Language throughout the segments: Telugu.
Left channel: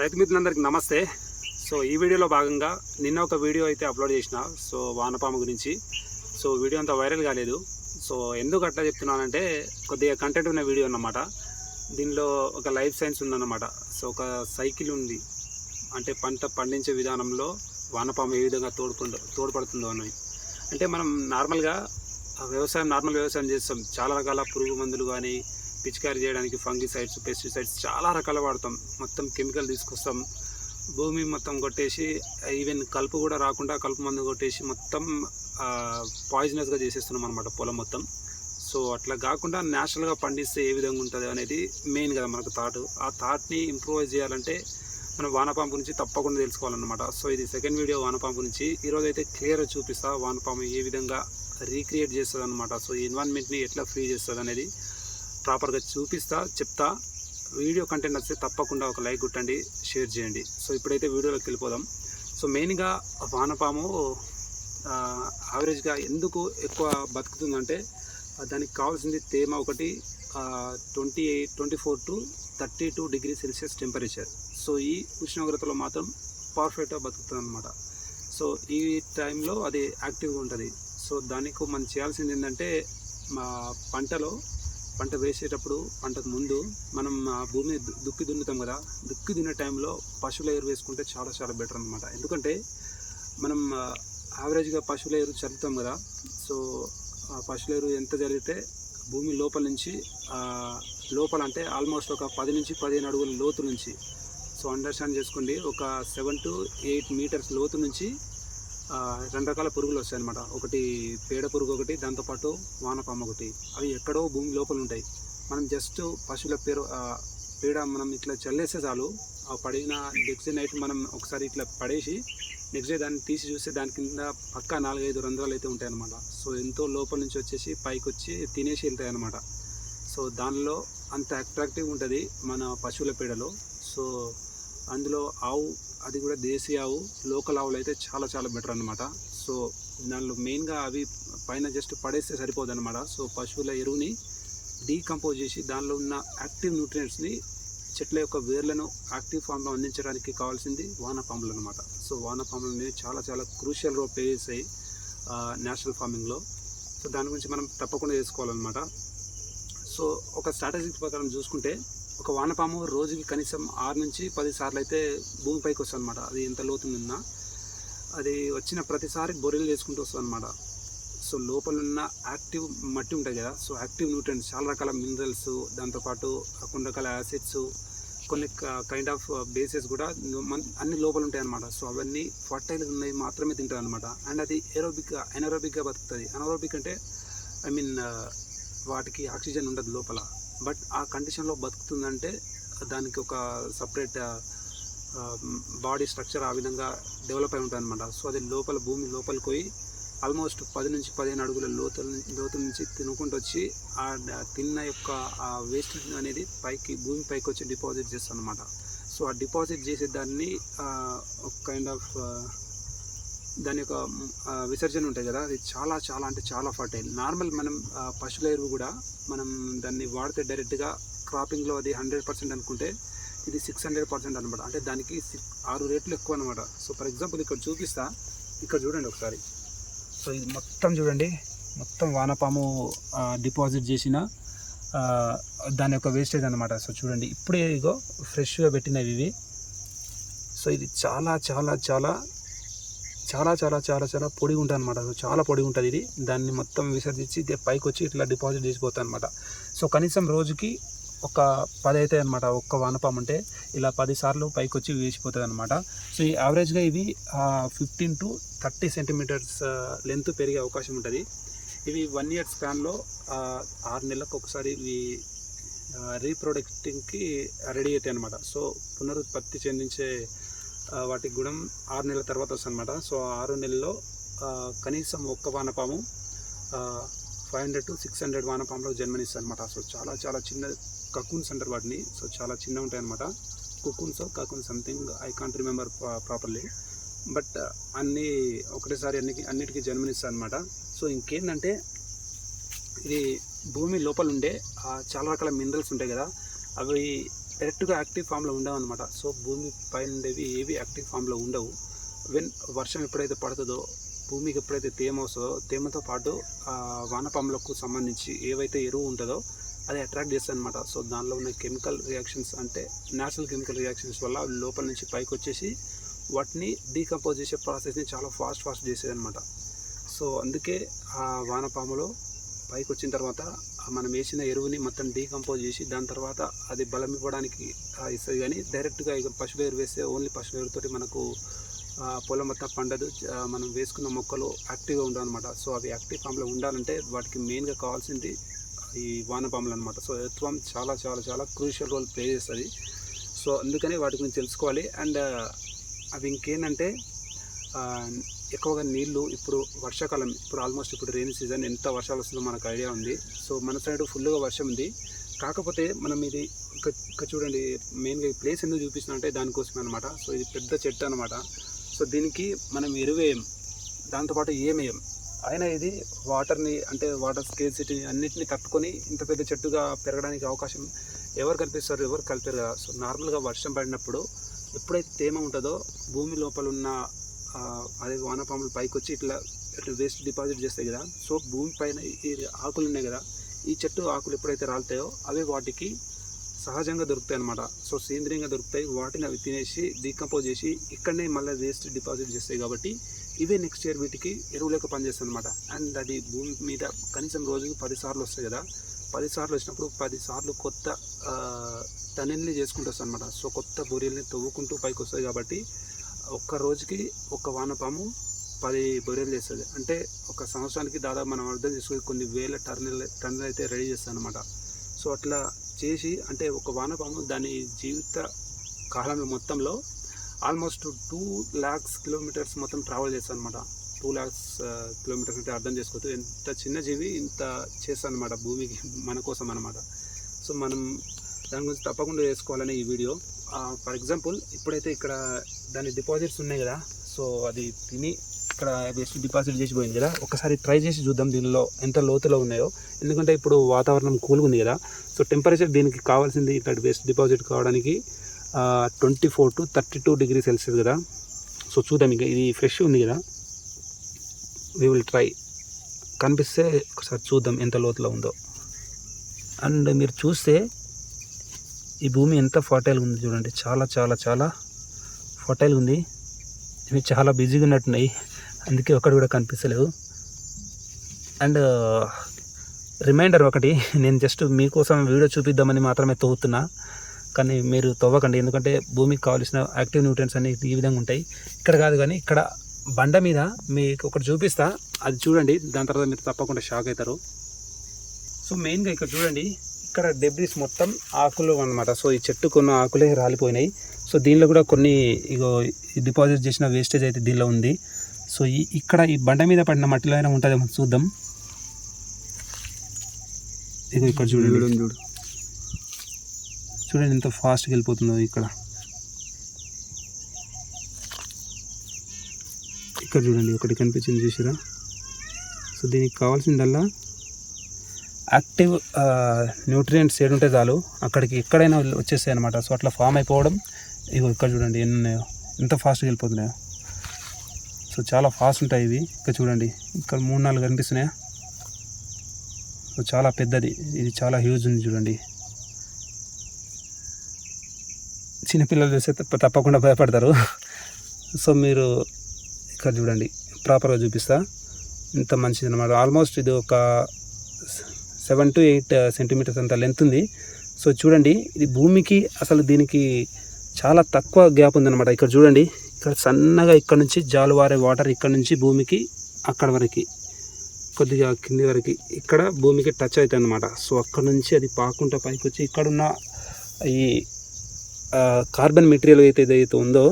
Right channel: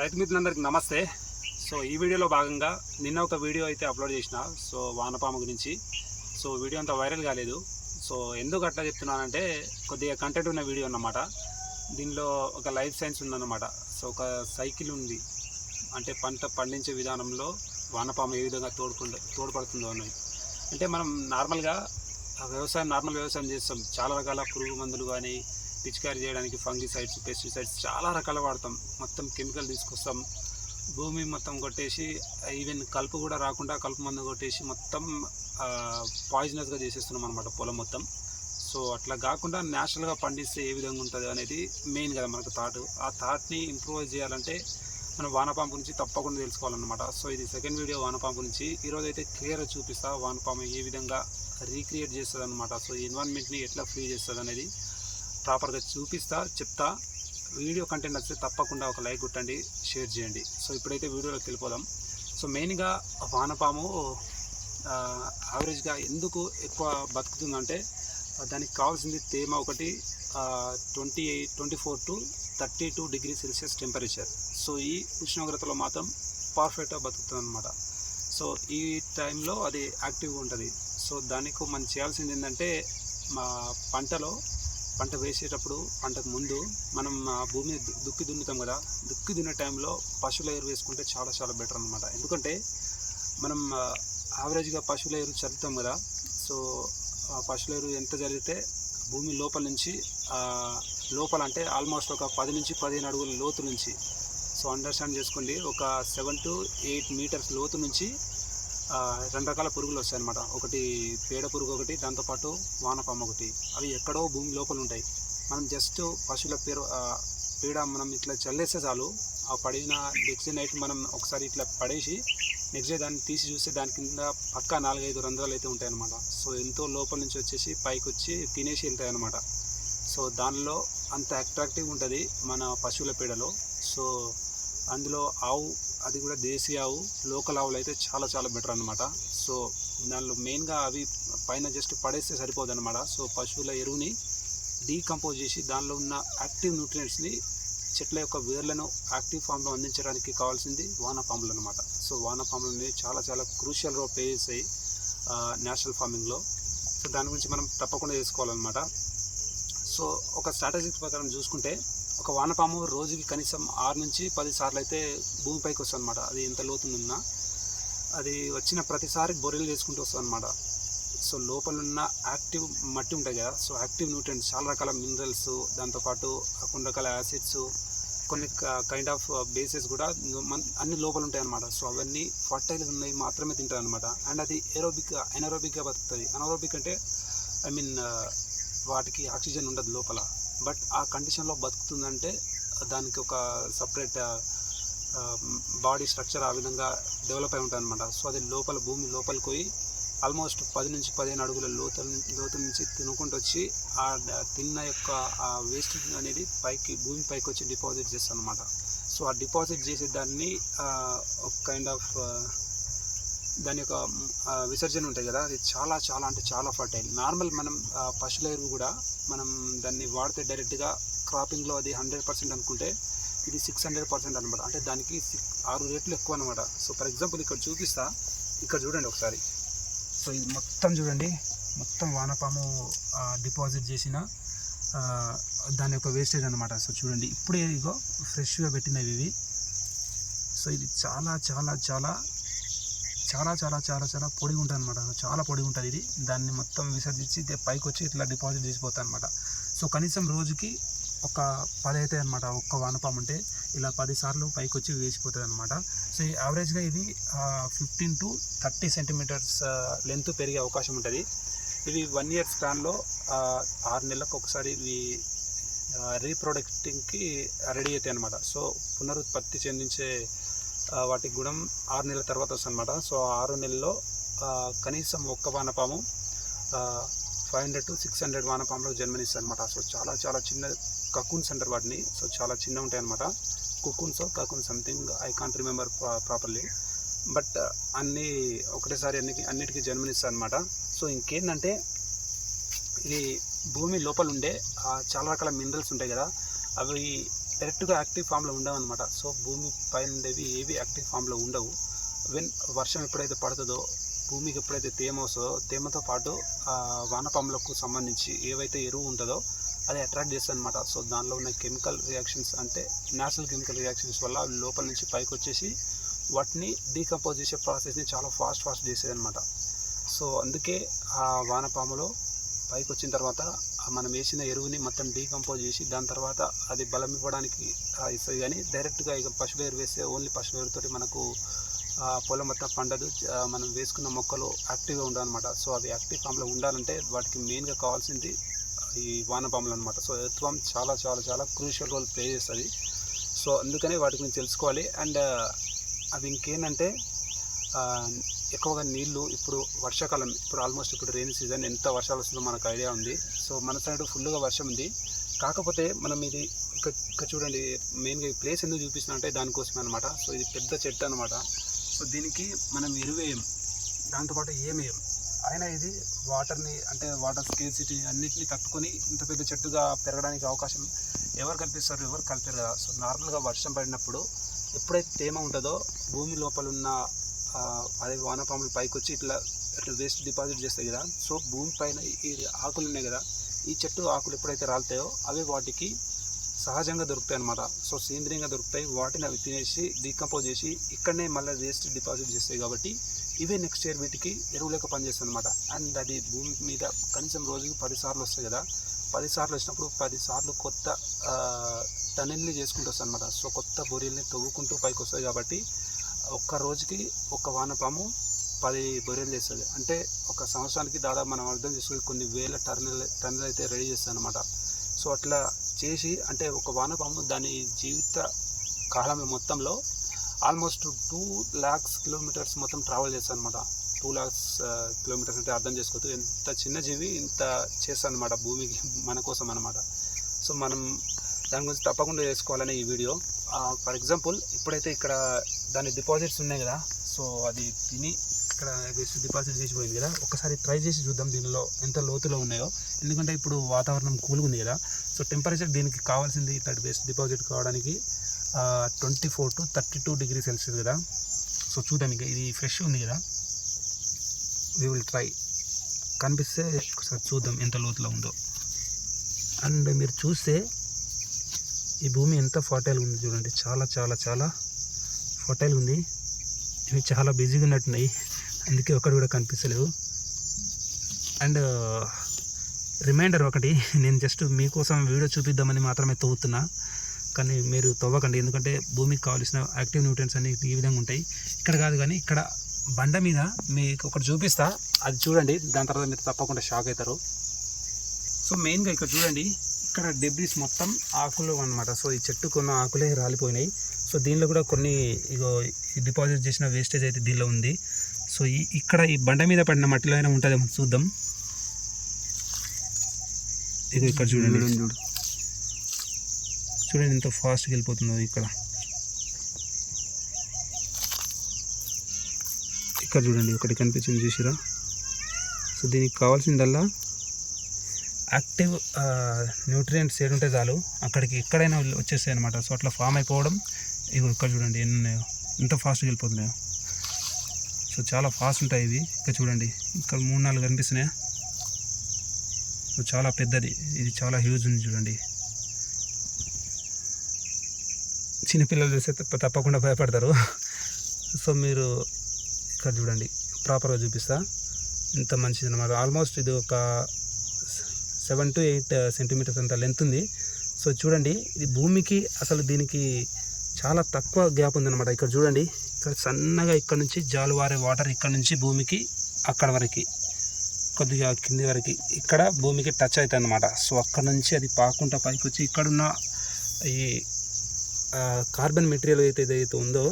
రైతు మిత్రులందరికీ నమస్తే. సో ఈ వీడియోలో భాగంగా నిన్న ఒక వీడియో అయితే అప్లోడ్ చేసిన సో వానపాము గురించి. సో వీడియో అంతా వైరల్ కాలేదు. సో ఎందుకు అట్లా చెప్తున్నానంటే కొద్దిగా కంటెంట్ ఉన్న వీడియో అన్నమాట. దీనిలో ఒక లైఫ్ సైన్స్ ఉందన్నమాట. సో ఒక సైకిల్ ఉంది. అంటే పంట పండించే విధానంలో వానపాము ఏ విధంగా తోడ్పడు తోడ్పడుతుందో అని. అంటే మనం నార్మల్గా ఆ వ్యవసాయం నార్మల్ వ్యవసాయం చేస్తాం. చాలా రకాల పురుగు మందులు కానీ పిచికారీ చేయడానికి ఫంగిసైడ్స్ పెస్టిసైడ్స్ చాలా రకాల వాడతాం. మొత్తం కెమికల్ తీసుకొస్తాం. భూమి మొత్తం కొట్టేసి ఈవెన్ కలుపు కూడా రాకుండా కలుపు మందు కొట్టేసి మొత్తం పాయిజనస్గా చేసేస్తున్నాం అనమాట పొలం మొత్తం. సో అట్లా కాకుండా న్యాచురల్గా పండిస్తే ఏ విధంగా ఉంటుంది అనేది మెయిన్ కదా మనకు థాట్. ఆ థాట్ని ఇంప్రూవైజ్ చేయాలంటే మనం వానపాము గురించి తప్పకుండా తెలుసుకోవాలన్నమాట. సో ఇది సెకండ్ వీడియో వానపాము గురించి ఈరోజు అయితే క్లియర్గా చూపిస్తా వానపాము ఏ విధంగా రీక్రియేట్ చేస్తుంది అనమాట సో ఈ ఎన్వైర్న్మెంట్ని ఎట్లా ఫ్రీ చేస్తుంది అనేది ప్రాపర్గా చూపిస్తా చెప్తా. వీడియో కంటెంట్ వస్తే తప్పకుండా ఒక లైక్ కొట్టండి షేర్ చేయండి. సో ఇప్పుడైతే వీడియోలోకి వెళ్ళిపోదాం. సో మెయిన్గా వానపాము యావరేజ్గా ఎందుకు ఎక్కువ బతుకుతుందంటే దానికి కావాల్సింది తేమ ఒకటి twenty eight twenty four to thirty two degree celsius temperature. So ఈ ఉష్ణోగ్రతలో మాత్రం పర్ఫెక్ట్గా బతుకుతుంది అనమాట సో ఈ టైంలో అది యాక్టివ్గా ఉంటుంది. సో దానికి మనం చేయాల్సింది ఏంటంటే మా పంటలో పంట వేసేటప్పుడు పంటకు ముందు మనం ఆ భూమిని దుక్కి దున్నుతాం కదా దుక్కి దున్నే టైంలో పశువుల ఎరువు వేసుకుంటే చాలా చాలా బెటర్ అనమాట ఎందుకంటే మనం యావరేజ్గా పశువుల ఎరువు చల్లుతాం కదా సో ఆ పశువుల ఎరువు ఎంత జరిగితే భూమి లోపల నుంచి లోపల అంటే ఆల్మోస్ట్ ఒక పది నుంచి పదిహేను అడుగుల లోతు నుంచి సో అండర్స్టాండ్ చేసుకోండి. ఒక సెవెన్ టు ఎయిట్ మీటర్స్ లోతు నుంచి రెండు రకాల పురుగులు వస్తాయి అనమాట ఒకటి పేడ పురుగు ఒకటి దాంతోపాటు వానపాము ఒకటి. అవి ఎక్కడో భూమి లోపల ఉంటాయి. మనం జస్ట్ పశువుల పేరు పేడ మనం ఇట్లా చల్లేస్తే చాలు ఆ పడిన నెక్స్ట్ డే నైట్ మనం ఒకసారి ఇట్లా పడేసి నెక్స్ట్ డే దాన్ని తీసి చూస్తే దాని కింద పక్క నాలుగైదు రంధ్రాలు అయితే ఉంటాయి అనమాట సో ఎంతో లోపల నుంచి వచ్చేసి పైకి వచ్చి తినేసి వెళ్తాయి అనమాట సో దానిలో అంత అట్రాక్టివ్ ఉంటుంది మన పశువుల పేడలో. సో అందులో ఆవు అది కూడా దేశీయ ఆవు. లోకల్ ఆవులు అయితే చాలా చాలా బెటర్ అనమాట సో దానిలో మెయిన్గా అవి పైన జస్ట్ పడేస్తే సరిపోదు అనమాట సో పశువుల ఎరువుని డీకంపోజ్ చేసి దానిలో ఉన్న యాక్టివ్ న్యూట్రియంట్స్ని చెట్ల యొక్క వేర్లను యాక్టివ్ ఫామ్లో అందించడానికి కావాల్సింది వానపాములు అనమాట సో వానపాములు అనేవి చాలా చాలా క్రూషియల్ రోల్ ప్లే చేస్తాయి నేషనల్ ఫార్మింగ్లో సో దాని గురించి మనం తప్పకుండా చేసుకోవాలన్నమాట సో ఒక స్ట్రాటజీ ప్రకారం చూసుకుంటే ఒక వానపాము రోజుకి కనీసం ఆరు నుంచి పది సార్లు అయితే భూమిపైకి వస్తుంది అనమాట అది ఎంత లోతున్నా అది వచ్చిన ప్రతిసారి బొరెలు చేసుకుంటూ వస్తుంది అనమాట సో లోపల ఉన్న యాక్టివ్ మట్టి ఉంటుంది కదా సో యాక్టివ్ న్యూట్రియంట్స్ చాలా రకాల మినరల్స్ దాంతోపాటు కొన్ని రకాల యాసిడ్స్ కొన్ని కైండ్ ఆఫ్ బేసెస్ కూడా అన్ని లోపల ఉంటాయి అన్నమాట. సో అవన్నీ ఫర్టైల్ ఉన్నవి మాత్రమే తింటుంది అనమాట అండ్ అది ఏరోబిక్గా ఎనరోబిక్గా బతుకుతుంది. అనారోబిక్ అంటే ఐ మీన్ వాటికి ఆక్సిజన్ ఉండదు లోపల. బట్ ఆ కండిషన్లో బతుకుతుందంటే దానికి ఒక సపరేట్ బాడీ స్ట్రక్చర్ ఆ విధంగా డెవలప్ అయి ఉంటుంది అనమాట సో అది లోపల భూమి లోపలికి పోయి ఆల్మోస్ట్ పది నుంచి పదిహేను అడుగుల లోతు లోతు నుంచి తినుకుంటూ వచ్చి ఆ తిన్న యొక్క ఆ వేస్ట్ అనేది పైకి భూమి పైకి వచ్చి డిపాజిట్ చేస్తాను అనమాట సో ఆ డిపాజిట్ చేసే దాన్ని ఒక కైండ్ ఆఫ్ దాని యొక్క విసర్జన ఉంటుంది కదా అది చాలా చాలా అంటే చాలా ఫర్టైల్ నార్మల్ మనం పశువుల ఎరువు కూడా మనం దాన్ని వాడితే డైరెక్ట్గా క్రాపింగ్లో అది హండ్రెడ్ పర్సెంట్ అనుకుంటే ఇది సిక్స్ హండ్రెడ్ పర్సెంట్ అనమాట అంటే దానికి సిక్ ఆరు రేట్లు ఎక్కువ అనమాట సో ఫర్ ఎగ్జాంపుల్ ఇక్కడ చూపిస్తా. ఇక్కడ చూడండి ఒకసారి. సో ఇది మొత్తం చూడండి. మొత్తం వానపాము డిపాజిట్ చేసిన దాని యొక్క వేస్టేజ్ అనమాట సో చూడండి. ఇప్పుడే ఇగో ఫ్రెష్గా పెట్టినవి ఇవి. సో ఇది చాలా చాలా చాలా చాలా చాలా చాలా చాలా పొడిగా ఉంటుంది అనమాట చాలా పొడిగా ఉంటుంది ఇది. దాన్ని మొత్తం విసర్జించి పైకి వచ్చి ఇట్లా డిపాజిట్ చేసిపోతాయి అనమాట సో కనీసం రోజుకి ఒక పది అవుతాయి అనమాట ఒక్క వానపాము అంటే. ఇలా పది సార్లు పైకి వచ్చి వేసిపోతుంది అనమాట సో ఈ యావరేజ్గా ఇవి fifteen to thirty centimeters length పెరిగే అవకాశం ఉంటుంది ఇవి వన్ ఇయర్ స్పాన్లో ఆరు నెలలకు ఒకసారి ఇవి రీప్రొడక్టింగ్కి రెడీ అవుతాయి అనమాట సో పునరుత్పత్తి చెందించే వాటికి గుణం ఆరు నెలల తర్వాత వస్తుంది అనమాట సో ఆ ఆరు నెలల్లో కనీసం ఒక్క వానపాము five hundred to six hundred వానపాములకు జన్మనిస్తుంది అనమాట సో చాలా చాలా చిన్న కకూన్స్ అంటారు వాటిని. సో చాలా చిన్న ఉంటాయి అనమాట cocoons cocoon something I can't remember properly. But అన్నీ ఒకటేసారి అన్ని అన్నిటికీ జన్మనిస్తాయి అనమాట సో ఇంకేంటంటే ఇది భూమి లోపల ఉండే చాలా రకాల మినరల్స్ ఉంటాయి కదా. అవి డైరెక్ట్గా యాక్టివ్ ఫామ్లో ఉండవు అనమాట సో భూమి పైన ఉండేవి ఏవి యాక్టివ్ ఫామ్లో ఉండవు. వెన్ వర్షం ఎప్పుడైతే పడుతుందో భూమికి ఎప్పుడైతే తేమ వస్తుందో తేమతో పాటు వానపాములకు సంబంధించి ఏవైతే ఎరువు ఉంటుందో అది అట్రాక్ట్ చేస్తుంది అనమాట సో దానిలో ఉన్న కెమికల్ రియాక్షన్స్ అంటే న్యాచురల్ కెమికల్ రియాక్షన్స్ వల్ల లోపల నుంచి పైకి వచ్చేసి వాటిని డీకంపోజ్ చేసే ప్రాసెస్ని చాలా ఫాస్ట్ ఫాస్ట్ చేసేది అనమాట సో అందుకే ఆ వానపాములో పైకి వచ్చిన తర్వాత మనం వేసిన ఎరువుని మొత్తం డీకంపోజ్ చేసి దాని తర్వాత అది బలం ఇవ్వడానికి ఇస్తుంది. కానీ డైరెక్ట్గా ఇక పశువు ఎరువు వేస్తే ఓన్లీ పశువు ఎరువుతోటి మనకు పొలం మొత్తం పండదు. మనం వేసుకున్న మొక్కలు యాక్టివ్గా ఉండాలన్నమాట. సో అవి యాక్టివ్ ఫామ్లో ఉండాలంటే వాటికి మెయిన్గా కావాల్సింది ఈ వానపాములు అనమాట సో ఎత్వం చాలా చాలా చాలా క్రూషియల్ రోల్ ప్లే చేస్తుంది. సో అందుకనే వాటి గురించి తెలుసుకోవాలి. అండ్ అవి ఇంకేంటంటే ఎక్కువగా నీళ్ళు ఇప్పుడు వర్షాకాలం ఇప్పుడు ఆల్మోస్ట్ ఇప్పుడు రెయిన్ సీజన్ ఎంత వర్షాలు వస్తుందో మనకు ఐడియా ఉంది. సో మన సైడ్ ఫుల్గా వర్షం ఉంది. కాకపోతే మనం ఇది ఇంకా చూడండి మెయిన్గా ఈ ప్లేస్ ఎందుకు చూపిస్తున్నా అంటే దానికోసమే అనమాట సో ఇది పెద్ద చెట్టు అనమాట సో దీనికి మనం ఎరువేయం దాంతోపాటు ఏమేయం. అయినా ఇది వాటర్ని అంటే వాటర్ స్కేసిటీ అన్నిటిని తట్టుకొని ఇంత పెద్ద చెట్టుగా పెరగడానికి అవకాశం ఎవరు కల్పిస్తారు? ఎవరు కలిపారు కదా. సో నార్మల్గా వర్షం పడినప్పుడు ఎప్పుడైతే తేమ ఉంటుందో భూమి లోపల ఉన్న అదే వానపాములు పైకి వచ్చి ఇట్లా ఇట్లా వేస్ట్ డిపాజిట్ చేస్తాయి కదా. సో భూమి పైన ఈ ఆకులు ఉన్నాయి కదా ఈ చెట్టు ఆకులు ఎప్పుడైతే రాలుతాయో అవి వాటికి సహజంగా దొరుకుతాయి అనమాట సో సేంద్రియంగా దొరుకుతాయి. వాటిని అవి తినేసి డీకంపోజ్ చేసి ఇక్కడనే మళ్ళీ వేస్ట్ డిపాజిట్ చేస్తాయి కాబట్టి ఇవే నెక్స్ట్ ఇయర్ వీటికి ఎరువులేక పనిచేస్తాయి అనమాట అండ్ అది భూమి మీద కనీసం రోజుకి పదిసార్లు వస్తాయి కదా. పదిసార్లు వచ్చినప్పుడు పదిసార్లు కొత్త టనెల్ని చేసుకుంటూ వస్తాయి అనమాట సో కొత్త బొరియల్ని తవ్వుకుంటూ పైకి వస్తాయి కాబట్టి ఒక్క రోజుకి ఒక వానపాము పది బొరియలు చేస్తుంది అంటే ఒక సంవత్సరానికి దాదాపు మనం అర్థం చేసుకుని కొన్ని వేల టర్నల్ టన్నులు అయితే రెడీ చేస్తాను అనమాట సో అట్లా చేసి అంటే ఒక వానపాము దాని జీవిత కాలంలో మొత్తంలో ఆల్మోస్ట్ టూ ల్యాక్స్ కిలోమీటర్స్ మొత్తం ట్రావెల్ చేస్తాను అనమాట టూ ల్యాక్స్ కిలోమీటర్స్ అంటే అర్థం చేసుకోవచ్చు ఎంత చిన్న జీవి ఇంత చేస్తాను అనమాట భూమికి మన కోసం అనమాట సో మనం దాని గురించి తప్పకుండా చేసుకోవాలని ఈ వీడియో. ఫర్ ఎగ్జాంపుల్ ఇప్పుడైతే ఇక్కడ దాని డిపాజిట్స్ ఉన్నాయి కదా సో అది తిని ఇక్కడ వేసి డిపాజిట్ చేసి పోయింది కదా ఒకసారి ట్రై చేసి చూద్దాం దీనిలో ఎంత లోతులో ఉన్నాయో. ఎందుకంటే ఇప్పుడు వాతావరణం కూల్గా ఉంది కదా సో టెంపరేచర్ దీనికి కావాల్సింది ఇక్కడ వేస్ట్ డిపాజిట్ కావడానికి twenty four to thirty two degree celsius కదా. సో చూద్దాం ఇంకా ఇది ఫ్రెష్ ఉంది కదా. వీ విల్ ట్రై కనిపిస్తే ఒకసారి చూద్దాం ఎంత లోతులో ఉందో. అండ్ మీరు చూస్తే ఈ భూమి ఎంత ఫర్టైల్గా ఉంది చూడండి. చాలా చాలా చాలా ఫర్టైల్గా ఉంది. ఇవి చాలా బిజీగా ఉన్నట్టున్నాయి. అందుకే ఒకటి కూడా కనిపిస్తలేవు అండ్ రిమైండర్ ఒకటి నేను జస్ట్ మీకోసం వీడియో చూపిద్దామని మాత్రమే తవ్వుతున్నా కానీ మీరు తవ్వకండి ఎందుకంటే భూమికి కావాల్సిన యాక్టివ్ న్యూట్రియన్స్ అన్ని ఈ విధంగా ఉంటాయి. ఇక్కడ కాదు కానీ ఇక్కడ బండ మీద మీకు ఒకటి చూపిస్తా. అది చూడండి. దాని తర్వాత మీరు తప్పకుండా షాక్ అవుతారు. సో మెయిన్గా ఇక్కడ చూడండి. ఇక్కడ డెబ్రిస్ మొత్తం ఆకులు అన్నమాట. సో ఈ చెట్టు కొన్ని ఆకులే రాలిపోయినాయి. సో దీనిలో కూడా కొన్ని ఇగో డిపాజిట్ చేసిన వేస్టేజ్ అయితే దీనిలో ఉంది. సో ఈ ఇక్కడ ఈ బండ మీద పడిన మట్టిలో అయినా ఉంటుందేమో చూద్దాం. ఇగో ఇక్కడ చూడండి. చూడు చూడండి ఎంత ఫాస్ట్గా వెళ్ళిపోతుందో ఇక్కడ. ఇక్కడ చూడండి ఒకటి కనిపించింది చూసిరా? సో దీనికి కావాల్సిందల్లా యాక్టివ్ న్యూట్రియంట్స్ ఏడు ఉంటే చాలు అక్కడికి ఎక్కడైనా వచ్చేస్తాయి అనమాట సో అట్లా ఫామ్ అయిపోవడం ఇవి ఇక్కడ చూడండి ఎన్ని ఉన్నాయో ఎంత ఫాస్ట్గా వెళ్ళిపోతున్నాయో. సో చాలా ఫాస్ట్ ఉంటాయి ఇవి. ఇక్కడ చూడండి ఇక్కడ మూడు నాలుగు కనిపిస్తున్నాయా? సో చాలా పెద్దది. ఇది చాలా హ్యూజ్ ఉంది చూడండి. చిన్నపిల్లలు చేస్తే తప్ప- తప్పకుండా భయపడతారు. సో మీరు ఇక్కడ చూడండి ప్రాపర్గా చూపిస్తా. ఇంత మంచిది అనమాట ఆల్మోస్ట్ ఇది ఒక సెవెన్ టు ఎయిట్ సెంటీమీటర్స్ అంత లెంత్ ఉంది. సో చూడండి ఇది భూమికి అసలు దీనికి చాలా తక్కువ గ్యాప్ ఉందన్నమాట. ఇక్కడ చూడండి ఇక్కడ సన్నగా ఇక్కడ నుంచి జాలువారే వాటర్ ఇక్కడ నుంచి భూమికి అక్కడ వరకు కొద్దిగా కింది వరకు ఇక్కడ భూమికి టచ్ అవుతుంది అనమాట సో అక్కడ నుంచి అది పాకుంటా పైకి వచ్చి ఇక్కడున్న ఈ కార్బన్ మెటీరియల్ అయితే ఏదైతే ఉందో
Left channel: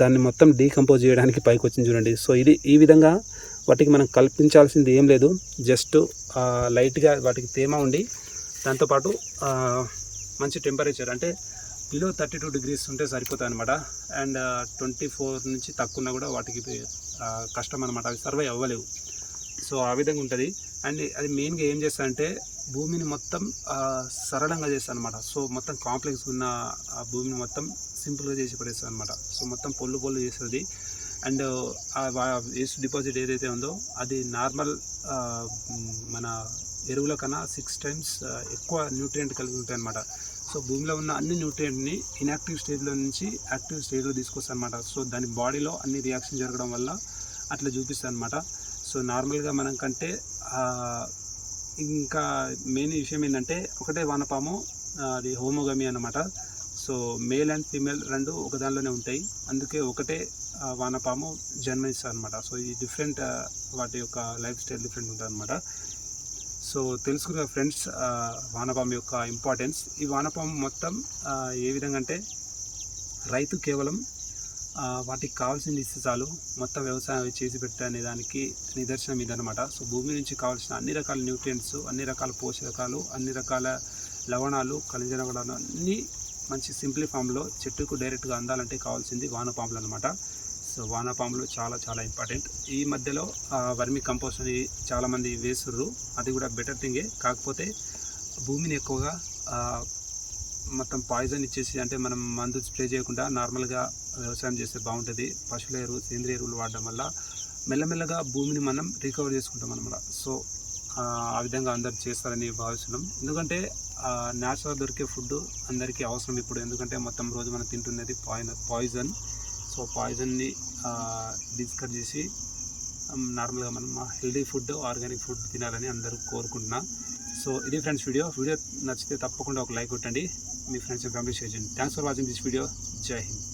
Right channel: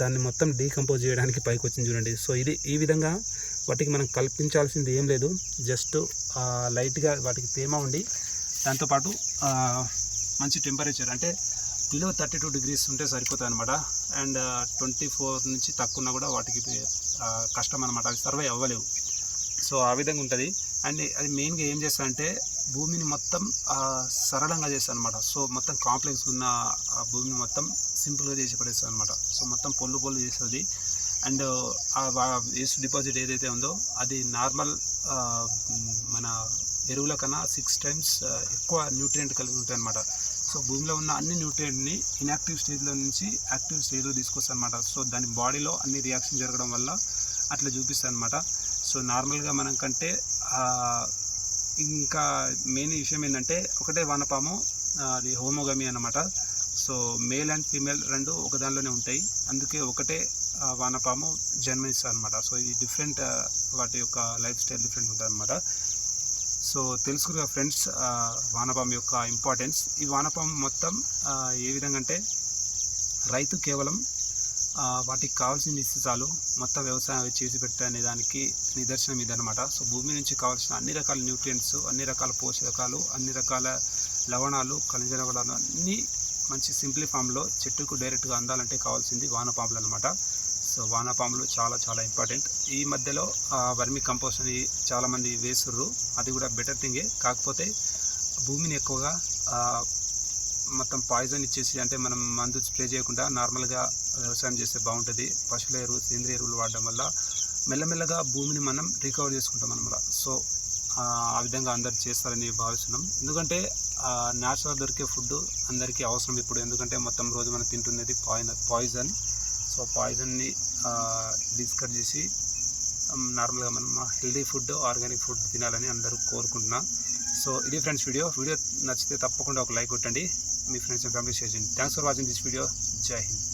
దాన్ని మొత్తం డీకంపోజ్ చేయడానికి పైకి వచ్చింది చూడండి. సో ఇది ఈ విధంగా వాటికి మనం కల్పించాల్సింది ఏం లేదు. జస్ట్ లైట్గా వాటికి తేమ ఉండి దాంతోపాటు మంచి టెంపరేచర్ అంటే బిలో థర్టీ టూ డిగ్రీస్ ఉంటే సరిపోతాయి అనమాట అండ్ ట్వంటీ ఫోర్ నుంచి తక్కువ ఉన్నా కూడా వాటికి కష్టం అనమాట అవి సర్వై అవ్వలేవు. సో ఆ విధంగా ఉంటుంది. అండ్ అది మెయిన్గా ఏం చేస్తానంటే భూమిని మొత్తం సరళంగా చేస్తాను అనమాట సో మొత్తం కాంప్లెక్స్ ఉన్న ఆ భూమిని మొత్తం సింపుల్గా చేసి పడేస్తాను అనమాట సో మొత్తం పొల్లు పొల్లు చేస్తుంది. అండ్ వేస్ట్ డిపాజిట్ ఏదైతే ఉందో అది నార్మల్ మన ఎరువుల కన్నా సిక్స్ టైమ్స్ ఎక్కువ న్యూట్రియంట్ కలిగి ఉంటాయి అనమాట సో భూమిలో ఉన్న అన్ని న్యూట్రియంట్ని ఇన్యాక్టివ్ స్టేజ్లో నుంచి యాక్టివ్ స్టేజ్లో తీసుకొస్తాను అనమాట సో దాని బాడీలో అన్ని రియాక్షన్ జరగడం వల్ల అట్లా చూపిస్తాను అనమాట సో నార్మల్గా మనం కంటే ఇంకా మెయిన్ విషయం ఏంటంటే ఒకటే వానపాము అది హోమోగమి అన్నమాట. సో మేల్ అండ్ ఫీమేల్ రెండు ఒక దానిలోనే ఉంటాయి. అందుకే ఒకటే వానపాము జన్మిస్తాయి అనమాట సో ఈ డిఫరెంట్ వాటి యొక్క లైఫ్ స్టైల్ డిఫరెంట్ ఉంటుంది అనమాట సో తెలుసుకున్న ఫ్రెండ్స్ వానపాము యొక్క ఇంపార్టెన్స్ ఈ వానపాము మొత్తం ఏ విధంగా అంటే రైతు కేవలం వాటికి కావాల్సింది ఇస్తే చాలు. మొత్తం వ్యవసాయం అవి చేసి పెట్టనే దానికి నిదర్శనం ఇదనమాట సో భూమి నుంచి కావాల్సిన అన్ని రకాల న్యూట్రియంట్స్ అన్ని రకాల పోషకాలు అన్ని రకాల లవణాలు ఖనిజ లవణాలు అన్నీ మంచి సింప్లీ ఫామ్లో చెట్టుకు డైరెక్ట్గా అందాలంటే కావాల్సింది వానపాములు అనమాట సో వానపాములు చాలా చాలా ఇంపార్టెంట్. ఈ మధ్యలో వర్మి కంపోస్ట్ అని చాలామంది వేస్తుర్రు అది కూడా బెటర్ థింగే. కాకపోతే భూమిని ఎక్కువగా మొత్తం పాయిజన్ ఇచ్చేసి అంటే మనం మందు స్ప్రే చేయకుండా నార్మల్గా వ్యవసాయం చేస్తే బాగుంటుంది. పశువుల ఎరువు సేంద్రియ ఎరువులు వాడడం వల్ల మెల్లమెల్లగా భూమిని మనం రికవర్ చేసుకుంటాం అనమాట సో ఆ విధంగా అందరు చేస్తారని భావిస్తున్నాం. ఎందుకంటే న్యాచురల్ దొరికే ఫుడ్ అందరికీ అవసరం ఇప్పుడు. ఎందుకంటే మొత్తం రోజు మనం తింటున్నది పాయిజన్ పాయిజన్ సో పాయిజన్ని డిస్కర్ చేసి నార్మల్గా మనం హెల్దీ ఫుడ్ ఆర్గానిక్ ఫుడ్ తినాలని అందరూ కోరుకుంటున్నా. సో ఇది ఫ్రెండ్స్ వీడియో వీడియో నచ్చితే తప్పకుండా ఒక లైక్ కొట్టండి. మీ ఫ్రెండ్స్ అండ్ ఫ్యామిలీ షేర్ చేయండి. Thanks for watching this video జై హింద్